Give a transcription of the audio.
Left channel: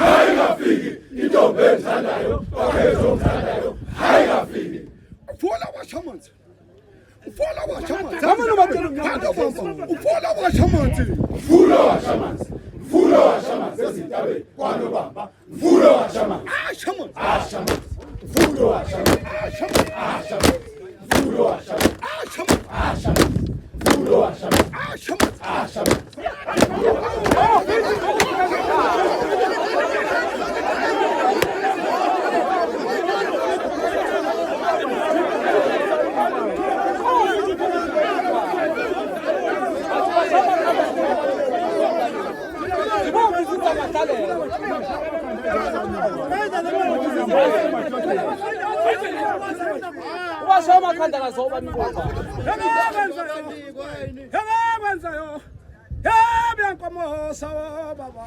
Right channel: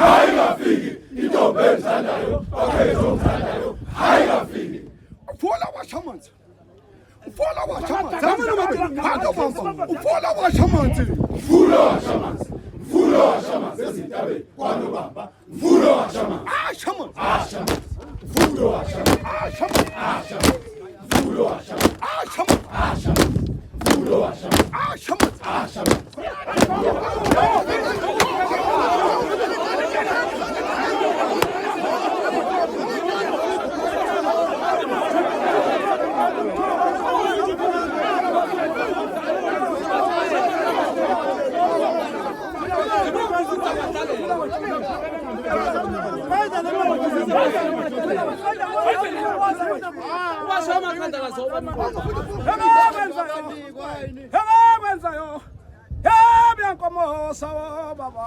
Haingafiki intombi ethandayo ezothandayo haingafiki. Ufola washamanzi. Ufola washamanzi. Ufola washamanzi. Mfulo washamanzi. Mfulo washamanzi ezintabeni kwanobamba. Mfulo washamanzi. Ashamanzi. Ashamanzi. Mfulo washamanzi. Ashamanzi. Ashamanzi. Mfulo washamanzi. Ashamanzi. Ashamanzi. Mfulo washamanzi. Ashamanzi. Ashamanzi. Wasoma khanda kazoba nikoba. Yabakwenzayo. Yabyankomo sawa baba.